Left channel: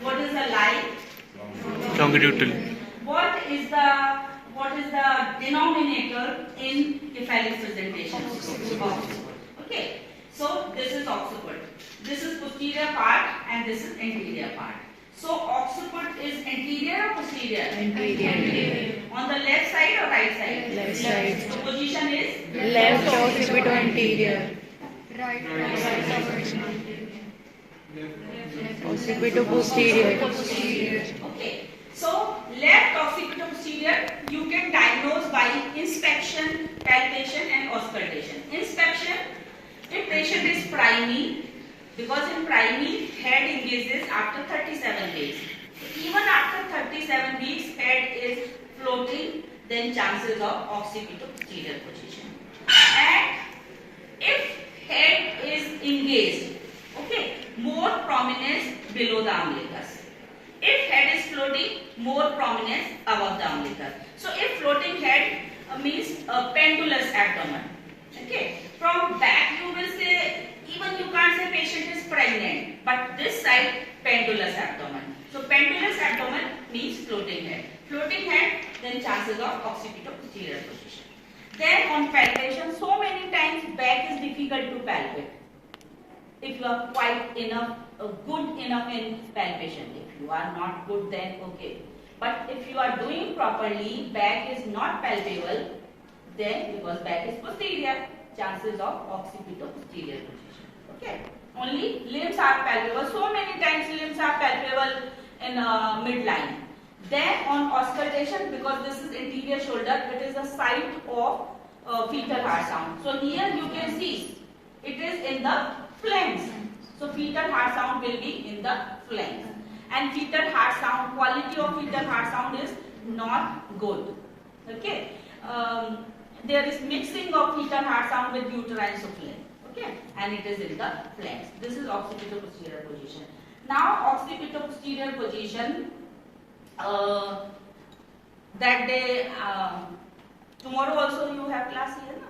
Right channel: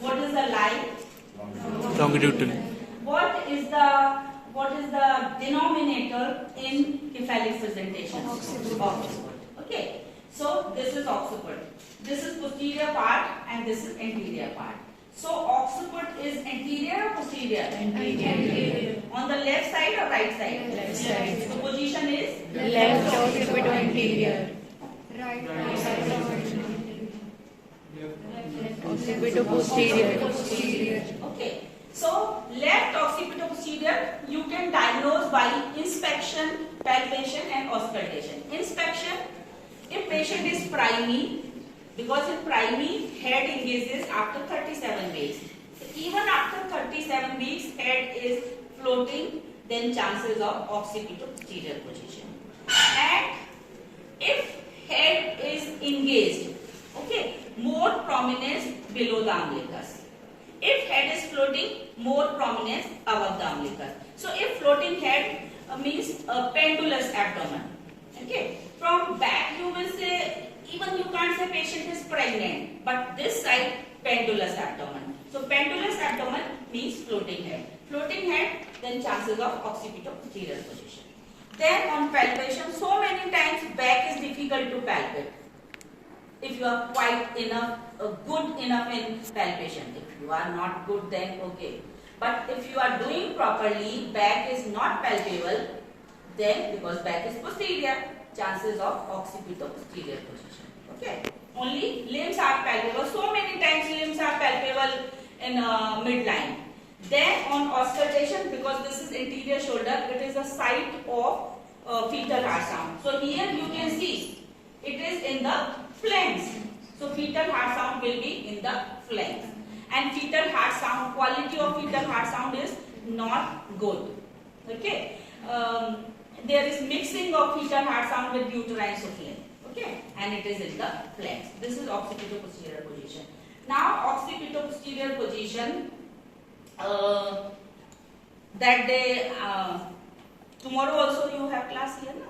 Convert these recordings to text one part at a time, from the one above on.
What is the line? Longitudinal. What is the denominator in cephalic presentation? Occiput. Okay. So this is occiput. This is posterior part and this is anterior part. So occiput is anterior or posterior? Anterior. On the left side or right side? Left side. So position is Left occiput anterior. Occiput posterior. okay. So left occipito-posterior you can diagnose by inspection, palpation and auscultation. Inspection, if patient is priming, because in priming head engages after 37 weeks. So even after 37 weeks head is floating, then chances of occipito-posterior position. And if head is engaged, okay, more prominence below the umbilicus. If head is floating, more prominence above the umbilicus. So if floating head means a pendulous abdomen. Okay. From back you will say, even you can't say patient is pregnant, but this side pendulous abdomen. So pendulous abdomen means floating head. Floating head, then chances of occipito-posterior position. Then on palpation, so many times back is difficult to palpate. If you are quite enough, good enough in palpation. If you are not good, then okay. But if you are doing properly, back is not palpable, then because back is posterior, chances of occipito-posterior position. Okay. Only limbs are palpable. So many times limbs are palpable in midline. Then on auscultation, because this is anterior shoulder, it is a site of fetal heart sound. So here you can see it is in the flanks. So fetal heart sound will be in the flanks. And fetal heart sound, quality of fetal heart sound is not good. Okay. There is mixing of fetal heart sound with uterine souffle. Okay. And it is in the flanks. This is occipito-posterior position. Now occipito-posterior position, that day, tomorrow also you have class here, no?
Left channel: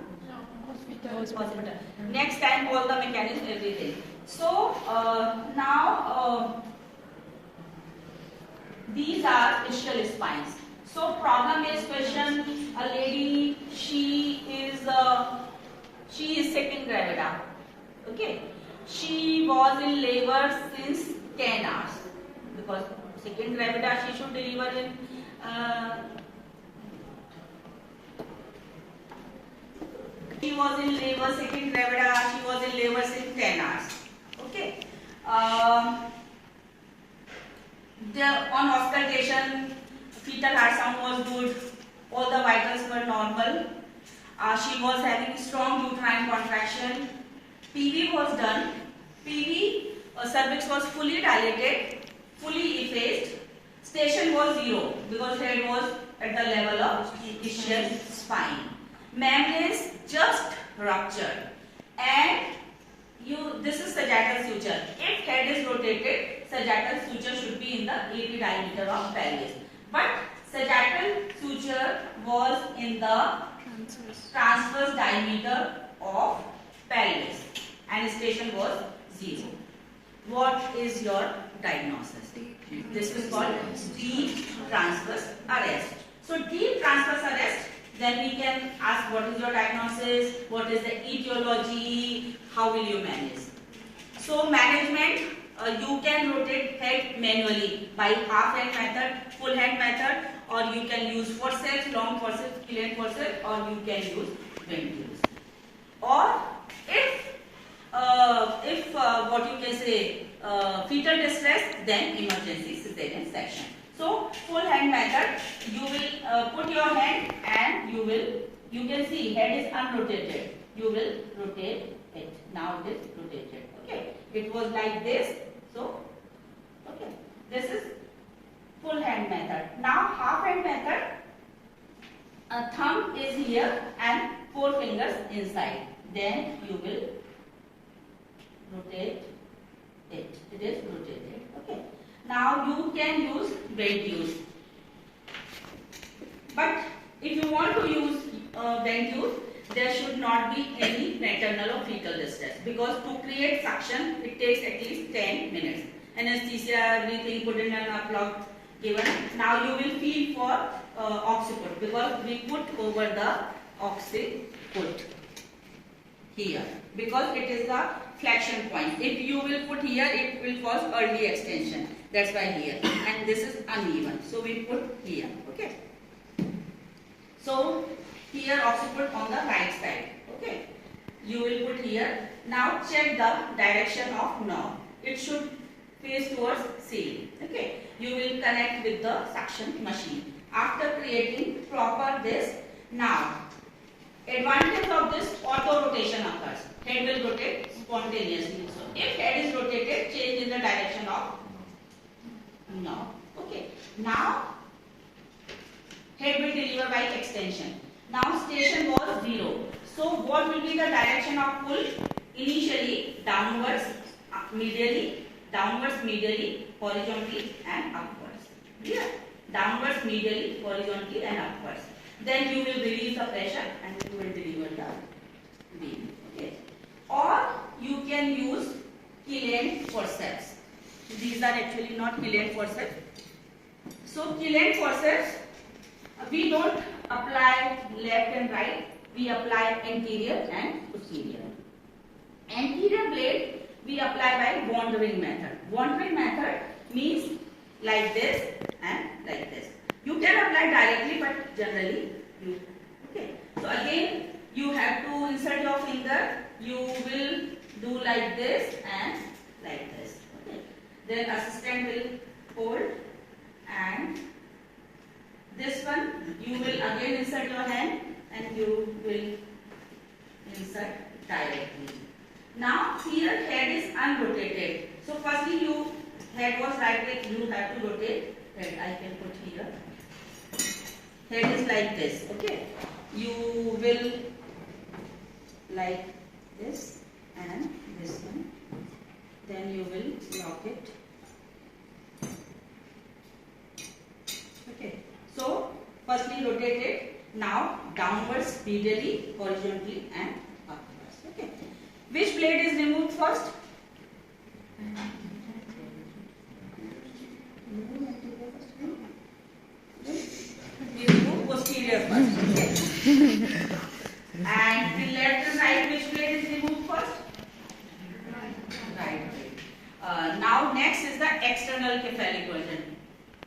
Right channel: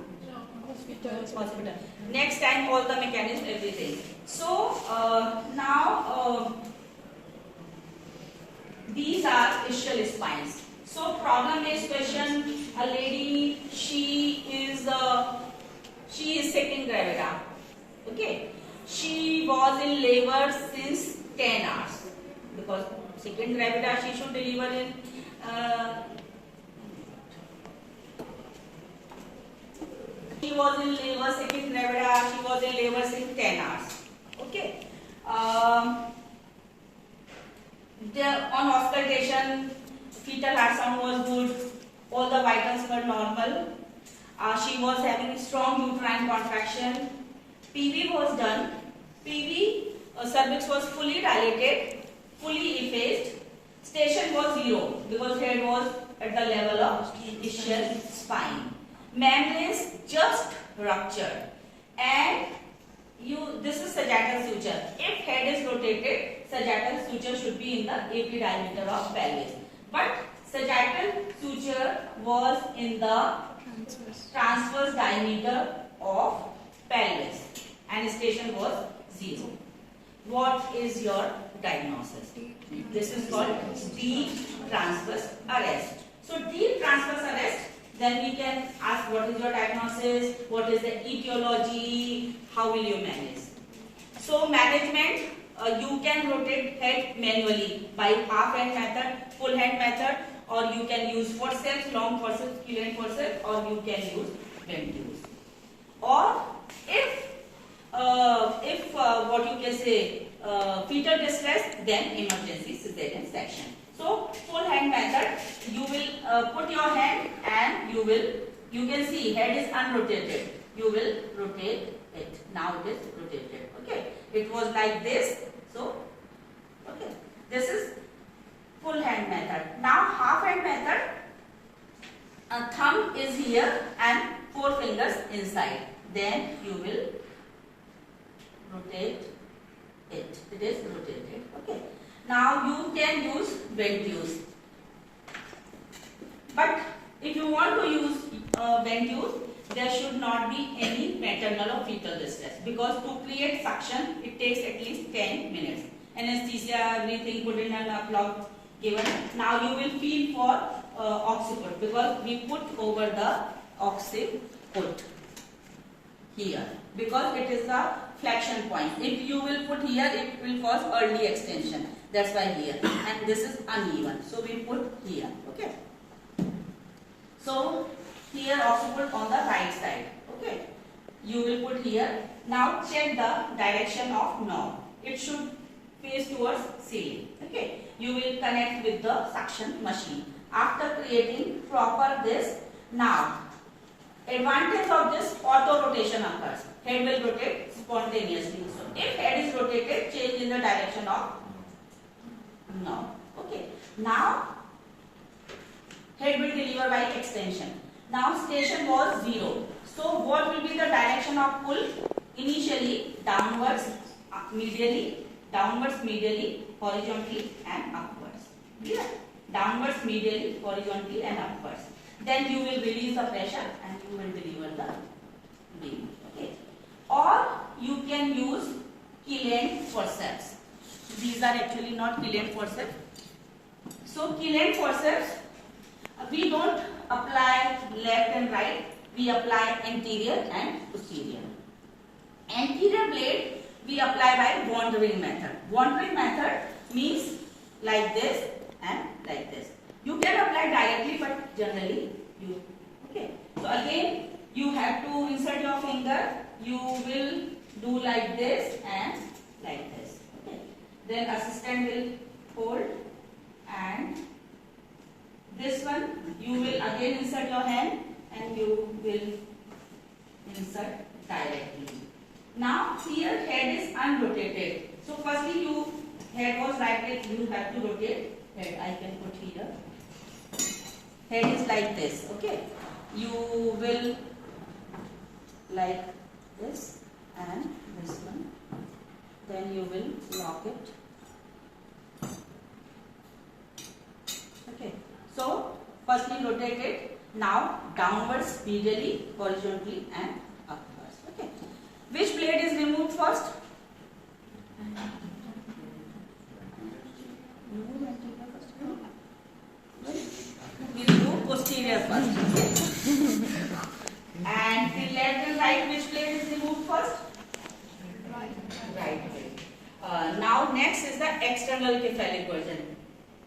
Hospital. Next time all the mechanism, everything. So now these are ischial spines. So problem is question, a lady, she is second gravida. Okay. She was in labor since 10 hours. Because second gravida she should deliver in she was in labor, second gravida, she was in labor since 10 hours. Okay. On auscultation, fetal heart sound was good. All the vitals were normal. She was having strong uterine contraction. PV was done. PV cervix was fully dilated, fully effaced. Station was 0 because head was at the level of ischial spine. Membranes just ruptured, and this is sagittal suture. If head is rotated, sagittal suture should be in the AP diameter of pelvis. But sagittal suture was in the transverse diameter of pelvis, and station was 0. What is your diagnosis? This is called deep transverse arrest. So deep transverse arrest, then we can ask what is your diagnosis, what is the etiology, how will you manage. So management, you can rotate head manually by half hand method, full hand method, or you can use forceps, long forceps, pillion forceps, or you can use Ventuse. Or if what you can say, fetal distress, then emergency cesarean section. So full hand method, you will put your hand and you can see head is unrotated. You will rotate it. Now it is rotated. Okay. It was like this. So, okay. This is full hand method. Now half hand method, a thumb is here and 4 fingers inside. Then you will rotate it. It is rotated. Okay. Now you can use Ventuse. But if you want to use Ventuse, there should not be any maternal or fetal distress, because to create suction it takes at least 10 minutes, anesthesia, everything put in a plug given. Now you will feel for occiput because we put over the occiput here because it is the flexion point. If you will put here, it will cause early extension. That's why here. And this is uneven. So we put here. Okay. So here occiput on the right side. Okay. You will put here. Now check the direction of knob. It should face towards ceiling. Okay. You will connect with the suction machine. After creating proper this, now advantage of this auto rotation occurs. Head will rotate spontaneously. So if head is rotated, change in the direction of knob. Okay. Now head will deliver by extension. Now station was 0. So what will be the direction of pull? Initially downwards, medially, horizontally and upwards. Clear? Downwards, medially, horizontally and upwards. Then you will release the pressure and you will deliver the beam. Okay. Or you can use Killian forceps. These are actually not Killian forceps. So Killian forceps, we don't apply left and right. We apply anterior and posterior. Anterior blade we apply by wandering method. Wandering method means like this and like this. You can apply directly, but generally you, okay. So again, you have to insert your finger. You will do like this and like this. Okay. Then assistant will hold, and this one you will again insert your hand and you will insert directly. Now here head is unrotated. So firstly you head was right way, you have to rotate head. I can put here. Head is like this. Okay. You will like this and this one. Then you will lock it. Okay. So firstly rotate it. Now downwards, medially, horizontally and upwards. Okay. Which blade is removed first? We remove posterior first. Okay. And the left and right, which blade is removed first? Right blade. Now next is the external cephalic joint.